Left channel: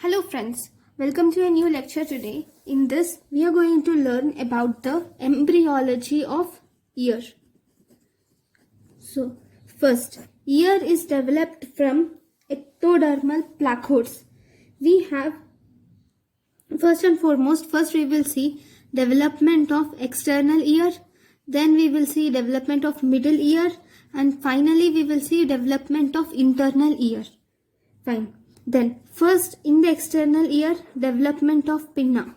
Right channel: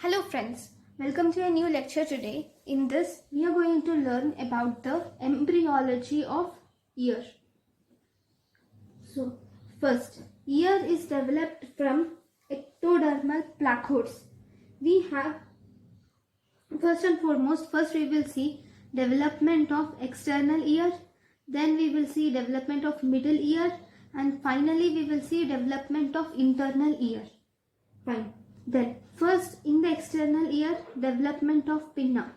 Hello friends, welcome to a new lecture today. In this, we are going to learn about the embryology of ear. So, first, ear is developed from ectodermal placodes. We have, first and foremost, first we will see development of external ear, then we will see development of middle ear, and finally we will see development of internal ear. Fine. Then first in the external ear, development of pinna.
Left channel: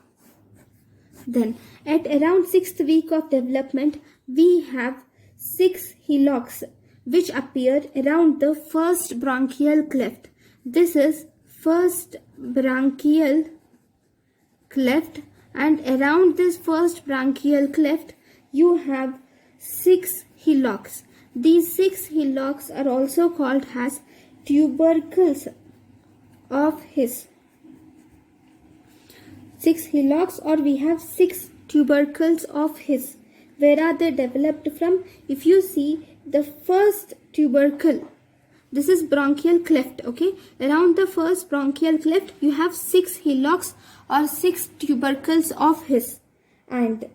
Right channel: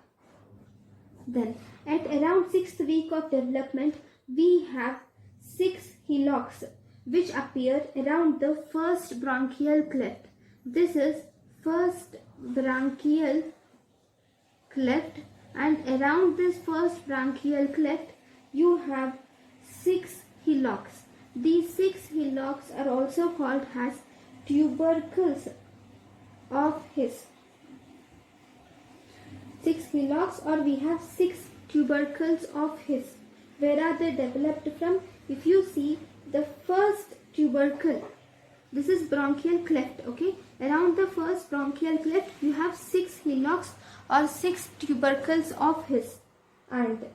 Then at around 6th week of development, we have 6 hillocks which appear around the first bronchial cleft. This is first bronchial cleft, and around this first bronchial cleft you have 6 hillocks. These 6 hillocks are also called as tubercles of his. 6 hillocks, or we have 6 tubercles of his. Where are they developed from? If you see the first tubercle, this is bronchial cleft, okay? Around the first bronchial cleft you have 6 hillocks or 6 tubercles of his. And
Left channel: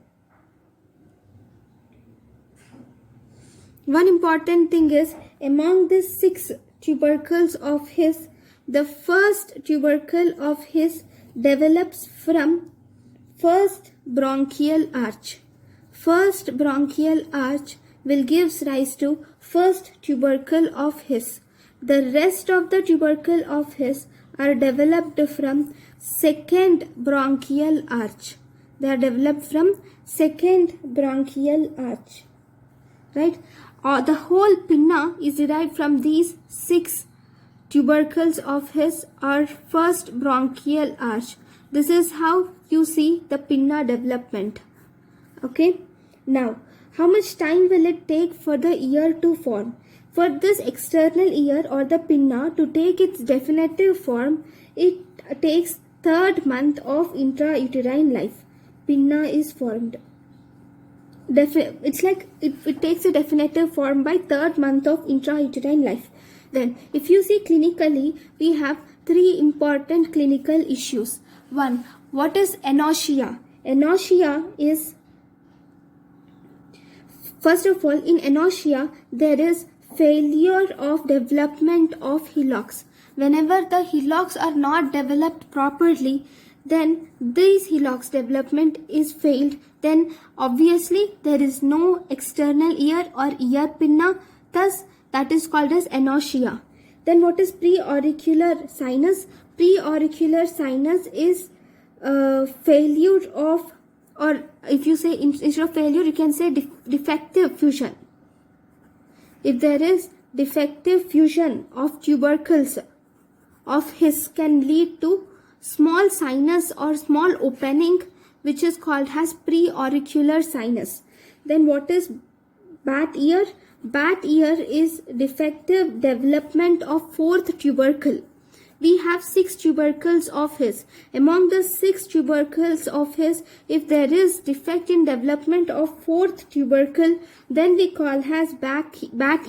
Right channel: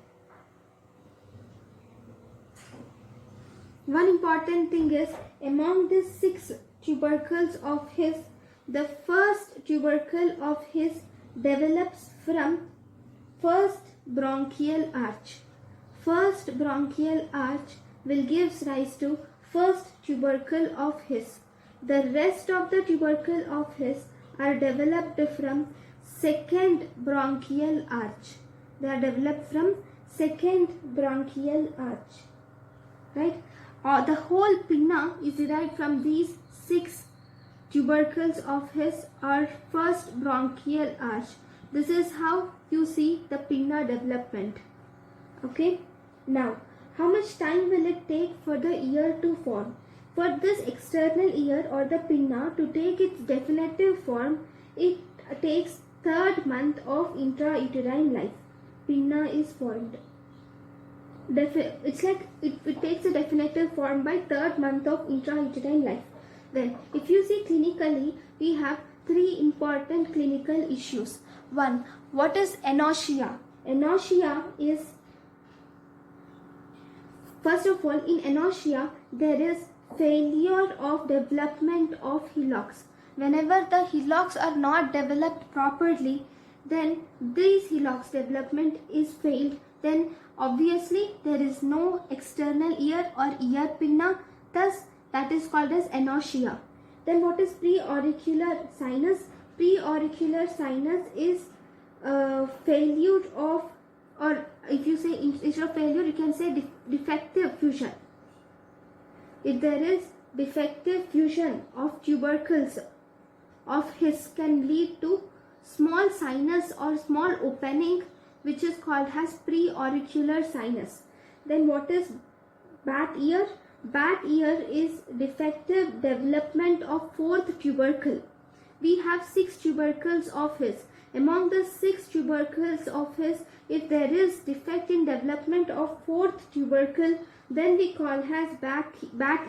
one important thing is, among these 6 tubercles of his, the first tubercle of his develops from first bronchial arch. First bronchial arch will give rise to first tubercle of his. The rest of the tubercle of his are developed from second bronchial arch. They are developed from second bronchial arch. Right? The whole pinna is derived from these 6 tubercles of his or first bronchial arch. This is how you see the pinna development. Okay. Now, how much time will it take for the ear to form? For this external ear or the pinna to take its definitive form, it takes 3rd month of intrauterine life. Pinna is formed. It's like it takes a definitive form by 3rd month of intrauterine life. Then, if you see clinically, we have 3 important clinical issues. 1. What is anoxia? Anoxia is, first of all, in anoxia, there is failure of development of hillocks. Whenever the hillocks are not developed properly, then these hillocks development is failed. Then obviously there is no external ear or ear pinna. Thus, that is called as anoxia. Then what is preauricular sinus? Preauricular sinus is failure of, or if you say instead of failure, you can say defective fusion. If there is defective fusion of tubercles of his, can lead to small sinus or small opening, which is called as preauricular sinus. Then what is bat ear? Bat ear is defective development of 4th tubercle. We have 6 tubercles of his. Among the 6 tubercles of his, if there is defect in development of 4th tubercle, then we call as bat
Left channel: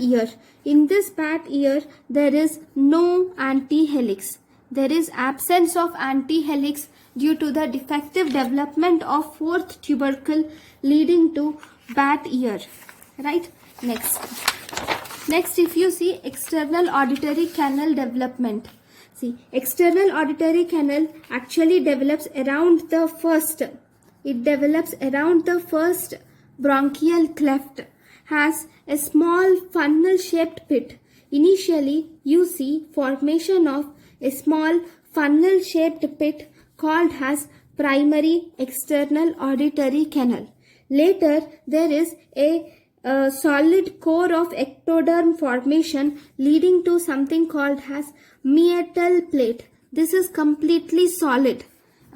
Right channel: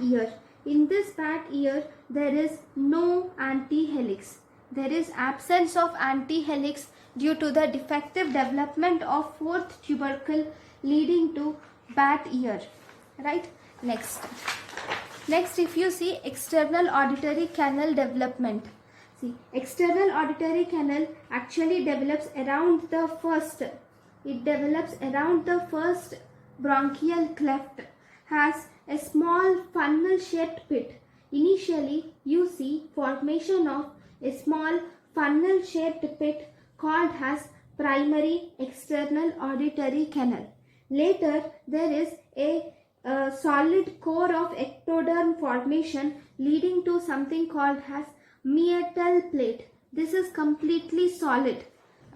ear. In this bat ear, there is no antihelix. There is absence of antihelix due to the defective development of 4th tubercle, leading to bat ear. Right? Next, if you see external auditory canal development. See, external auditory canal actually develops around the first. It develops around the first bronchial cleft. Has a small funnel-shaped pit. Initially, you see formation of a small funnel-shaped pit called as primary external auditory canal. Later, there is a solid core of ectoderm formation leading to something called as meatal plate. This is completely solid.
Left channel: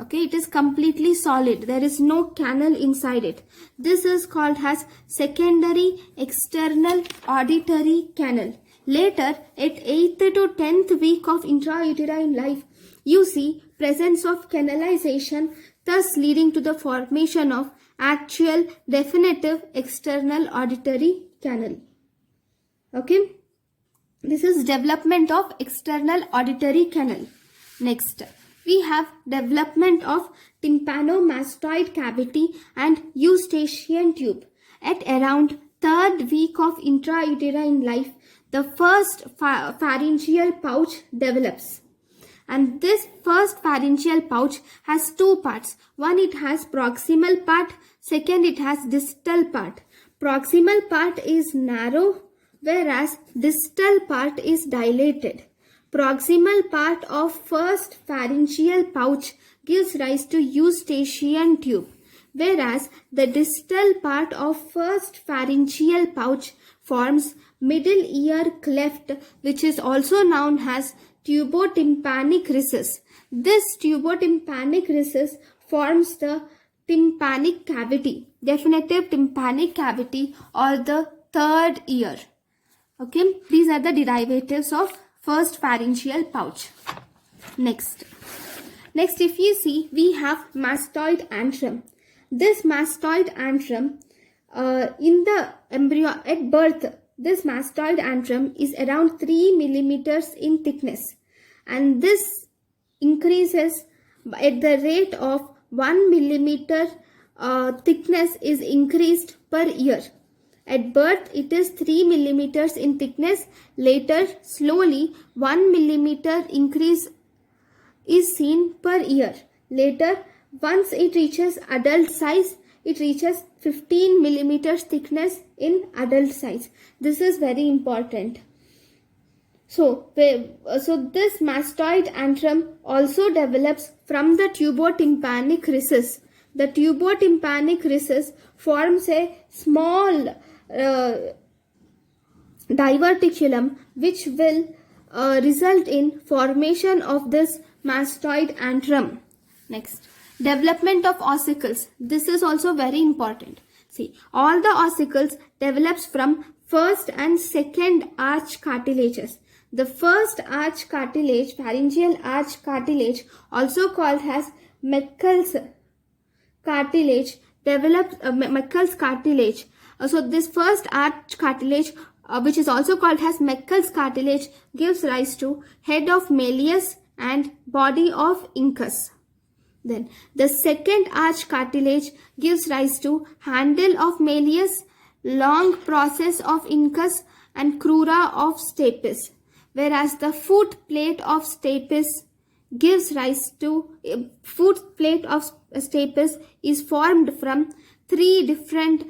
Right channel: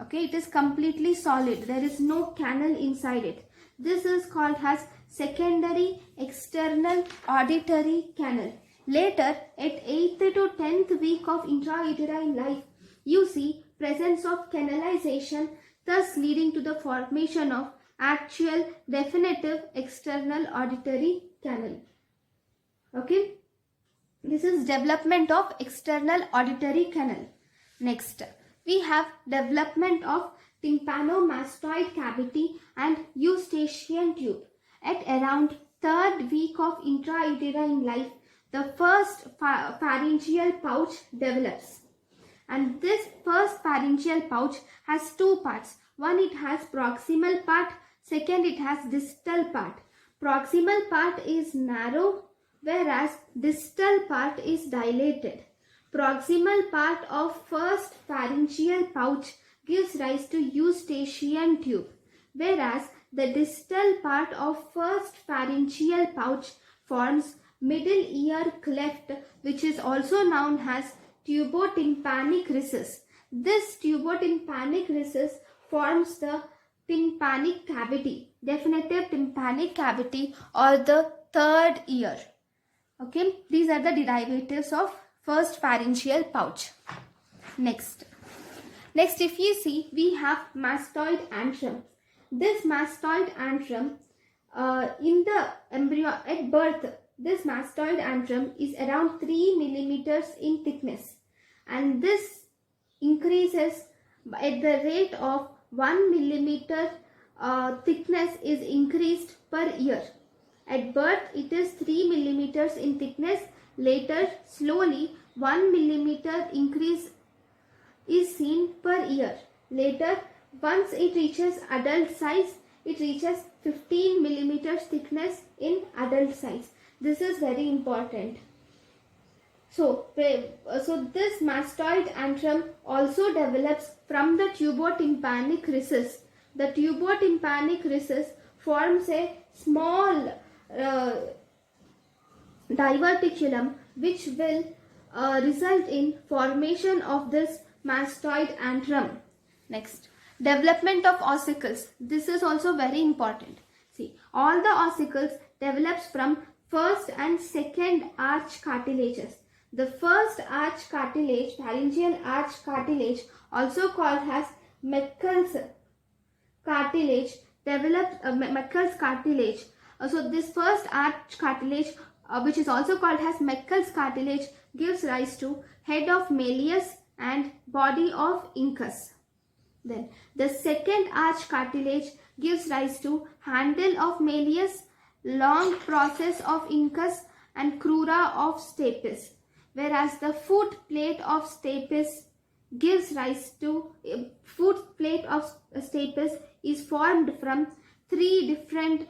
Okay, it is completely solid. There is no canal inside it. This is called as secondary external auditory canal. Later, at 8th to 10th week of intrauterine life, you see presence of canalization, thus leading to the formation of actual definitive external auditory canal. Okay, this is development of external auditory canal. Next, we have development of tympanomastoid cavity and eustachian tube. At around third week of intrauterine life, the first pharyngeal pouch develops. And this first pharyngeal pouch has two parts. One, it has proximal part. Second, it has distal part. Proximal part is narrow, whereas distal part is dilated. Proximal part of first pharyngeal pouch gives rise to eustachian tube, whereas the distal part of first pharyngeal pouch forms middle ear cleft, which is also known as tubotympanic recess. This tubotympanic recess forms the tympanic cavity, definitive tympanic cavity, or the third ear. Okay, these are the derivatives of first pharyngeal pouch. Next, if you see, we have mastoid antrum. This mastoid antrum, in the embryo at birth, this mastoid antrum is around 3 millimeters in thickness, and this increases at the rate of 1 millimeter. Thickness is increased per year. At birth, it is 3 millimeters in thickness. Later, slowly 1 millimeter increase is seen per year. Later, once it reaches adult size, it reaches 15 millimeters thickness in adult size. This is very important. So this mastoid antrum also develops from the tubotympanic recess. The tubotympanic recess forms a small diverticulum, which will result in formation of this mastoid antrum. Next, development of ossicles. This is also very important. See, all the ossicles develops from first and second arch cartilages. The first arch cartilage, pharyngeal arch cartilage, also called as Meckel's cartilage, develops Meckel's cartilage. So this first arch cartilage, which is also called as Meckel's cartilage, gives rise to head of Malleus and body of Incus. Then the second arch cartilage gives rise to handle of Malleus, long process of Incus, and crura of Stapes. Whereas the foot plate of Stapes gives rise to is formed from three different.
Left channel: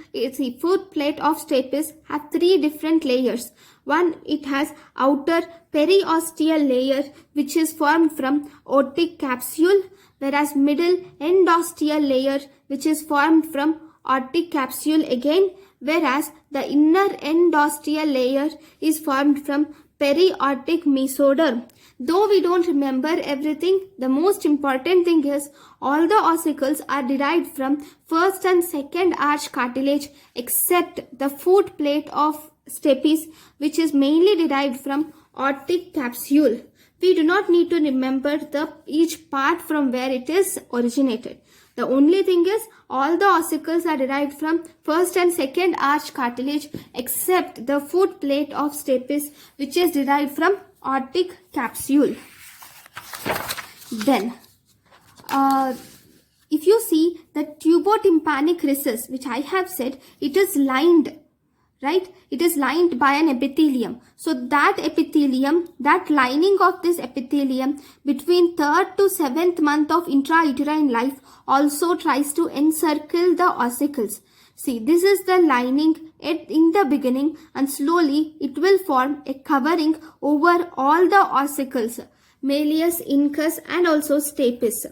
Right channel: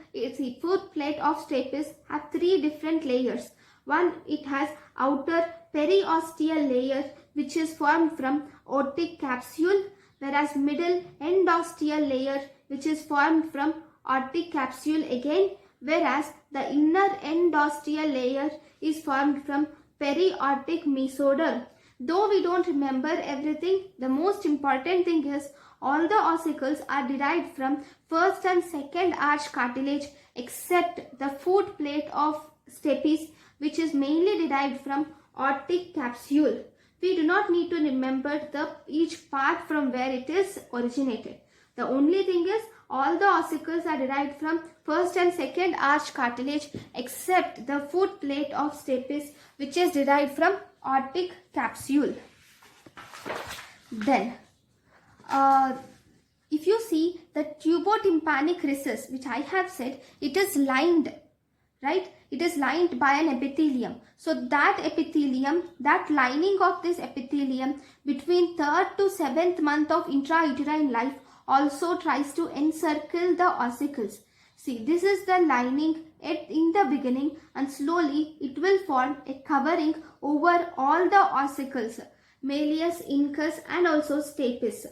Foot plate of Stapes have three different layers. One, it has outer periosteal layer, which is formed from otic capsule, whereas middle endosteal layer, which is formed from otic capsule again, whereas the inner endosteal layer is formed from periotic mesoderm. Though we don't remember everything, the most important thing is all the ossicles are derived from first and second arch cartilage except the foot plate of Stapes, which is mainly derived from otic capsule. We do not need to remember each part from where it is originated. The only thing is all the ossicles are derived from first and second arch cartilage except the foot plate of Stapes, which is derived from otic capsule. Then, if you see the tubotympanic recess, which I have said, it is lined, right? It is lined by an epithelium. So that epithelium, that lining of this epithelium between 3rd to 7th month of intrauterine life also tries to encircle the ossicles. See, this is the lining in the beginning, and slowly it will form a covering over all the ossicles, Malleus, Incus, and also Stapes.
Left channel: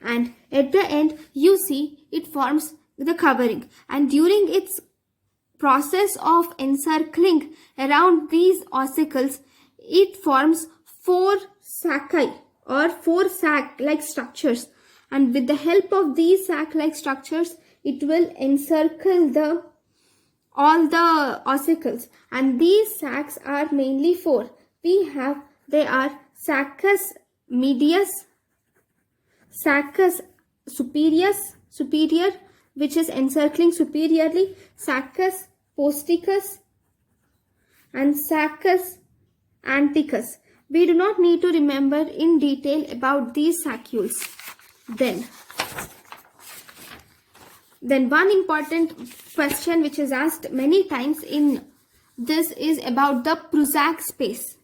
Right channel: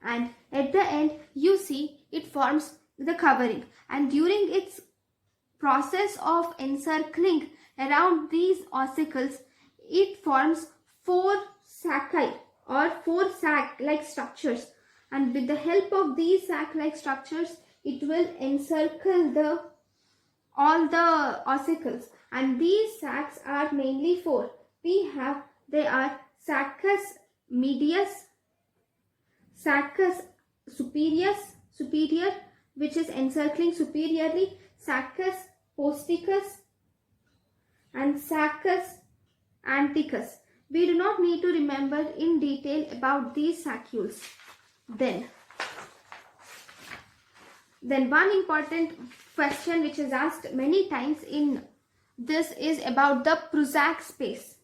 And at the end, you see it forms the covering, and during its process of encircling around these ossicles, it forms 4 sacci or 4 sac-like structures, and with the help of these sac-like structures, it will encircle all the ossicles. And these sacs are mainly 4. They are saccus medius, saccus superior, which is encircling superiorly, saccus posticus, and saccus anticus. We do not need to remember in detail about these sacules. Then one important question which is asked many times in this is about the prozac space.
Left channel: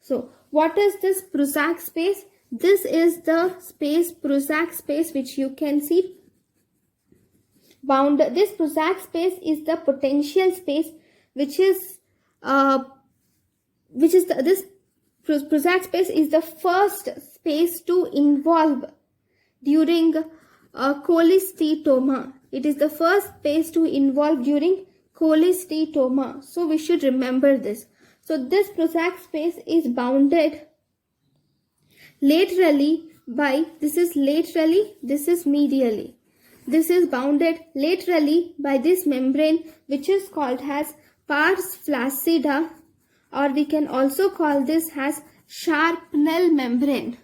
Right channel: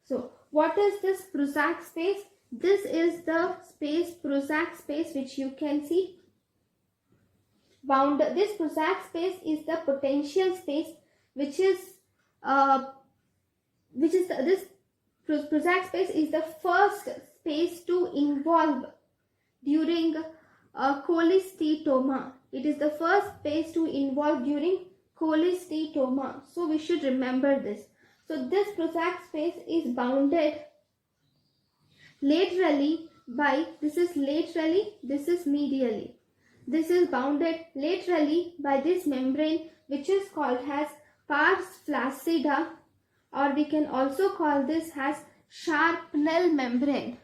So what is this prozac space? This is the space, prozac space, which you can see bound. This prozac space is the potential space, this prozac space is the first space to involve during cholesteatoma. It is the first space to involve during cholesteatoma. So we should remember this. So this prozac space is bounded laterally by, this is laterally, this is medially. This is bounded laterally by this membrane which is called as pars flaccida, or we can also call this as Sharpnel membrane.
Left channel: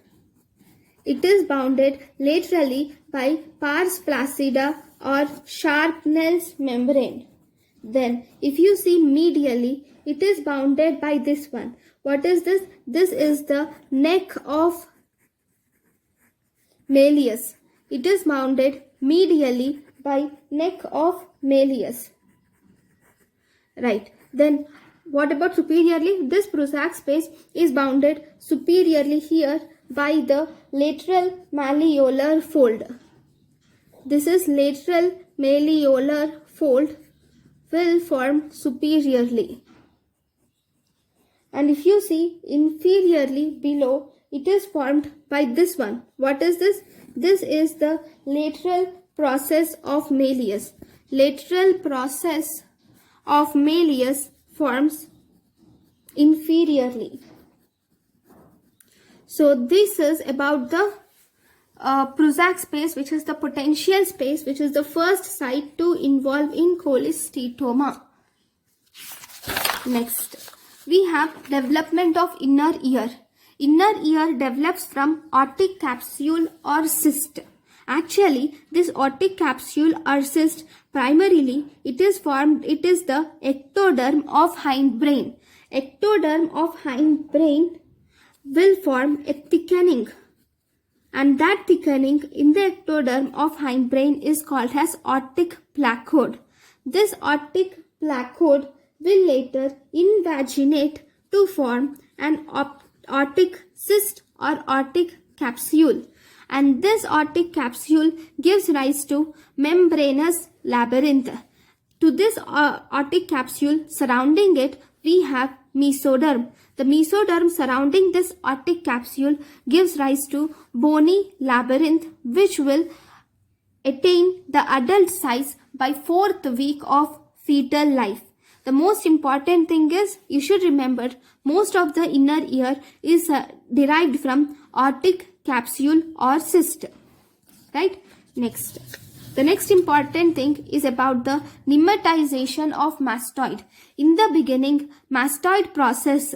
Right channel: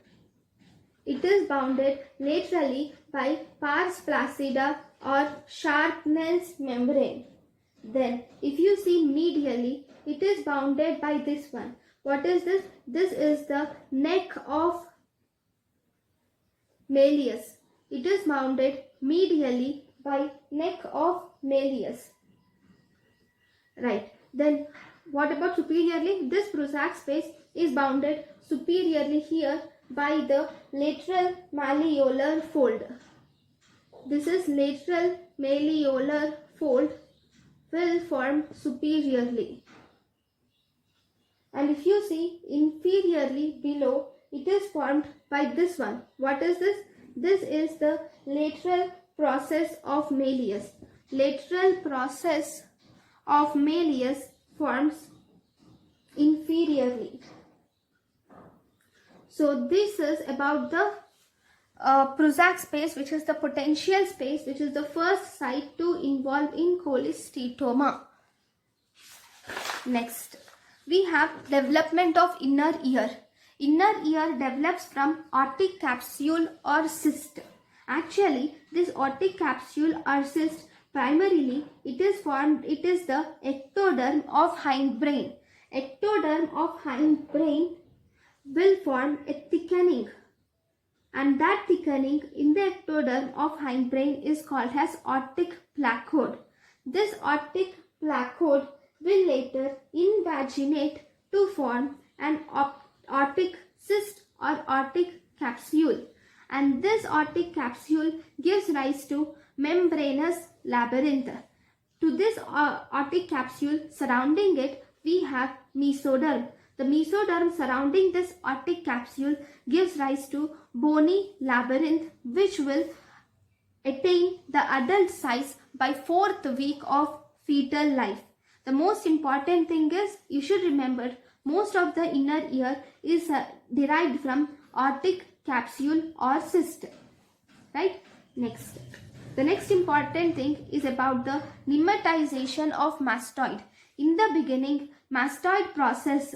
It is bounded laterally by pars flaccida or Sharpnel's membrane. Then if you see medially, it is bounded by this one. What is this? This is the neck of Malleus. It is bounded medially by neck of Malleus. Right. Then what about superiorly? This prozac space is bounded superiorly here by the lateral malleolar fold. This is lateral malleolar fold will form superiorly. And if you see inferiorly below, it is formed by this one. What is this? This is the lateral process of Malleus. Lateral process of Malleus forms inferiorly. So this is about the prozac space, which is the potential space, which is the first site to involve in cholesteatoma. Next, we have development of inner ear. Inner ear develops from otic capsule or cyst. Actually, this otic capsule or cyst, primarily it is the ectoderm of hindbrain. Ectoderm of hindbrain will form a thickening, and that thickening in the ectoderm of hindbrain is called as otic placode. This otic placode will later invaginate to form an otic cyst or otic capsule, and this otic capsule gives rise to membranous labyrinth. To this otic capsule, surrounding it we have mesoderm. The mesoderm surrounding this otic capsule gives rise to bony labyrinth, which will attain the adult size by 4th week of fetal life. The most important thing is, you should remember, most of the inner ear is derived from otic capsule or cyst. Right? Next. The next important thing is about the pneumatization of mastoid. In the beginning, mastoid process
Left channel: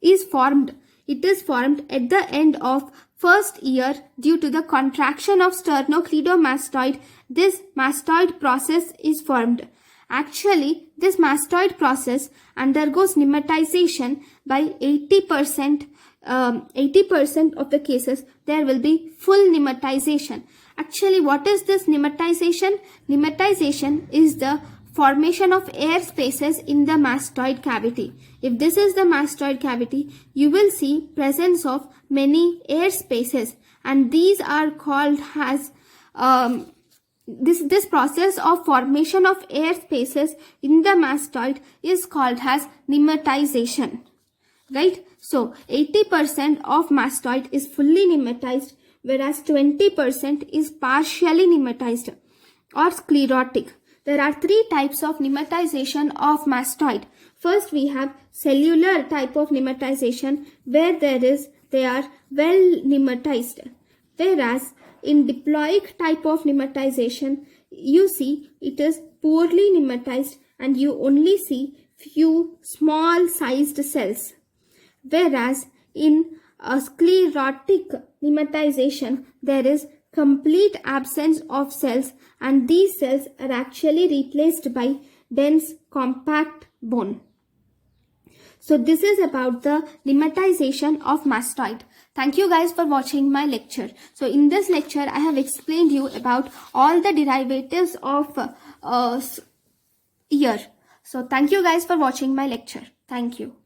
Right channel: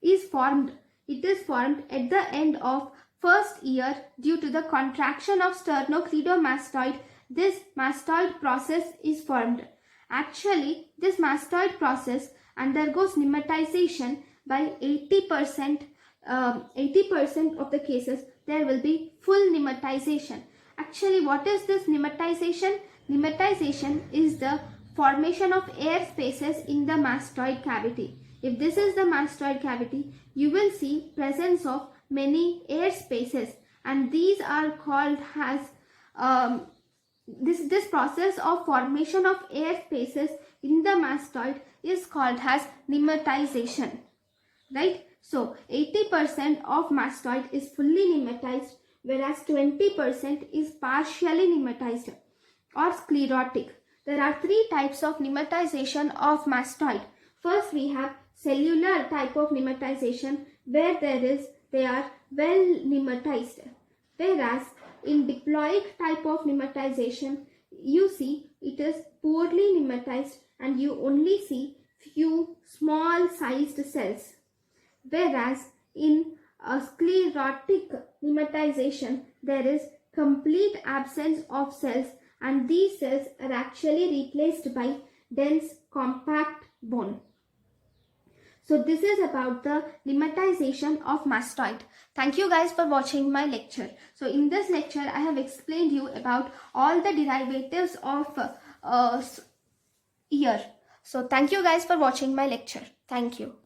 is formed. It is formed at the end of first year due to the contraction of sternocleidomastoid. This mastoid process is formed. Actually, this mastoid process undergoes pneumatization by 80%. 80% of the cases there will be full pneumatization. Actually, what is this pneumatization? Pneumatization is the formation of air spaces in the mastoid cavity. If this is the mastoid cavity, you will see presence of many air spaces, and these are called as this process of formation of air spaces in the mastoid is called as pneumatization. Right? So 80% of mastoid is fully pneumatized, whereas 20% is partially pneumatized or sclerotic. There are 3 types of pneumatization of mastoid. First, we have cellular type of pneumatization, where they are well pneumatized. Whereas in diploic type of pneumatization, you see it is poorly pneumatized and you only see few small sized cells. Whereas in a sclerotic pneumatization, there is complete absence of cells, and these cells are actually replaced by dense compact bone. So this is about the lemmatization of mastoid. Thank you guys for watching my lecture. So in this lecture, I have explained you about all the derivatives of ear. So thank you guys for watching my lecture. Thank you.